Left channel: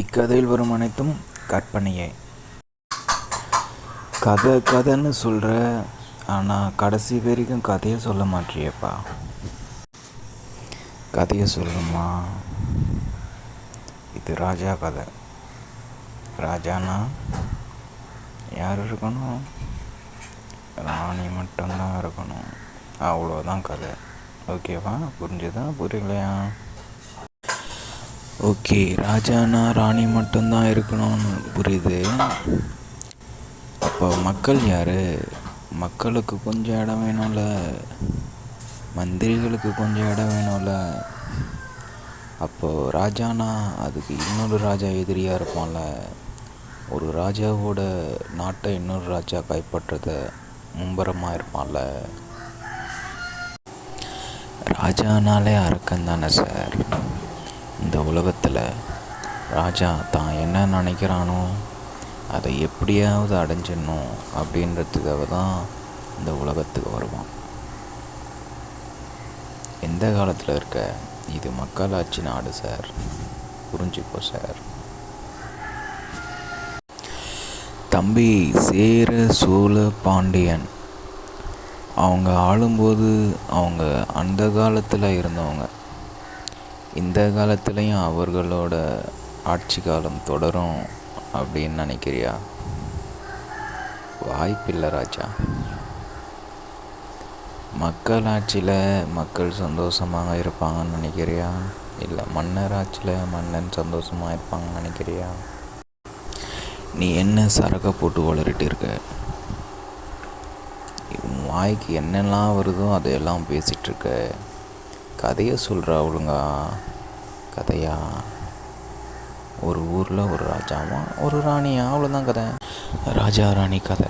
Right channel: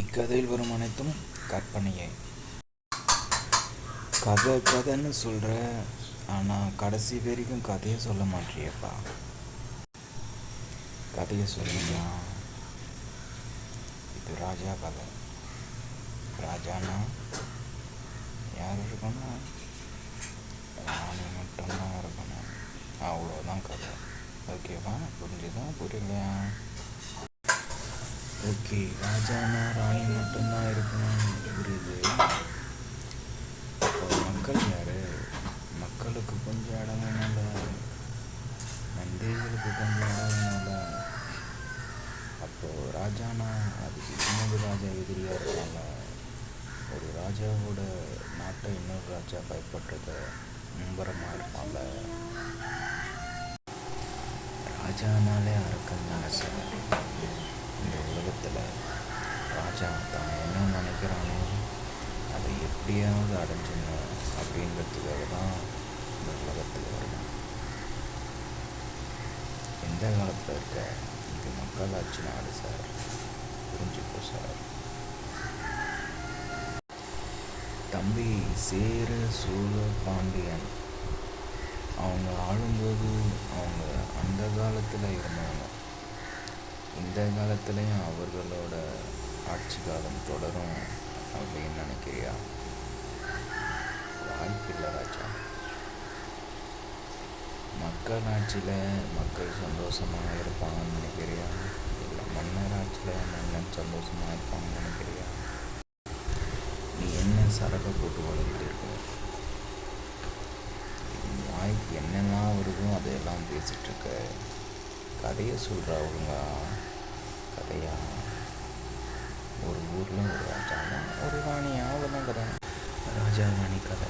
இக்கதையில் வரும் அனைத்தும் கற்பனையே. கதைன்னு சொல்கிற, ஆனால் கடைசி வரைக்கும் கதையை சொல்ல மாட்டியேப்பா. கதையை சொல்லணுமா? இது ராஜா கதை. ராஜானா யார் இருக்கணும்? ராணி மட்டும்தான் இருக்கணும். அவ்வளோதான் கதை. ஓகேவா? புரிஞ்சுதா புரியலையா? ஓகே, ராஜானா ராணி மட்டும்தான் இருக்கணும்னு புரியுது. அப்போ மக்கள் யார்? மக்களுக்கு கொஞ்சம் இடம் வேணும்ல, மந்திரிகளுக்கு கொஞ்சம் இடம் வேணும்ல. அப்போது ராஜானா அதுக்கு இன்னொரு ராஜா எதிரியாக இருப்பான்ல. ஒரு ராஜாவோட நாட்டை இன்னொரு ராஜா கைப்பற்றத மும்பரமாக இருப்பான்ல. ராஜானாலே அரக்கன் தானே சார். இந்த உலகத்தில் ராஜா தான் என்ன நினைக்கிறானோ அதை எப்படியாவது அடைஞ்சிடணும் அப்படின்றதுக்காக தான் இந்த உலகத்துக்கு வருவான். எந்த காலத்தில் இருக்க? இது மக்களாட்சி நாடு சார், புரிஞ்சுக்கோ சார். தம்பி, சேர சோழ பாண்டியன் அவங்க ஆளும்போது அவங்க அந்த காலத்தில் இருந்தவங்க. இந்த காலத்துலேயும் அவர்களோட ஆட்சி காலம் தொடரும் அப்படின்னு நினைக்கிறியா? வாய்ப்பில்லை ராஜா. மக்கள் ஆட்சியில் மக்கள் சந்தோஷமாக இருப்பாங்கன்னு நினைக்கிறியா? இல்லை மன்னர் ஆட்சியில் மன்னன் சந்தோஷமாக இருப்பாங்கன்னு நினைக்கிறியா? நீ என்ன சரக்கை போட்டு வளரிட்டு இருக்க? இது வாய்க்கு என்னெல்லாம் வருதோ அதையெல்லாம் பேசிகிட்ருக்க. கதையை சொல்கிறா ஒழுங்கா. கதையா? ஒரு ஊரில் ஒரு ராஜாவா ஒரு ராணியா, அவ்வளோதான் கதை. ராஜா ராணி கதை.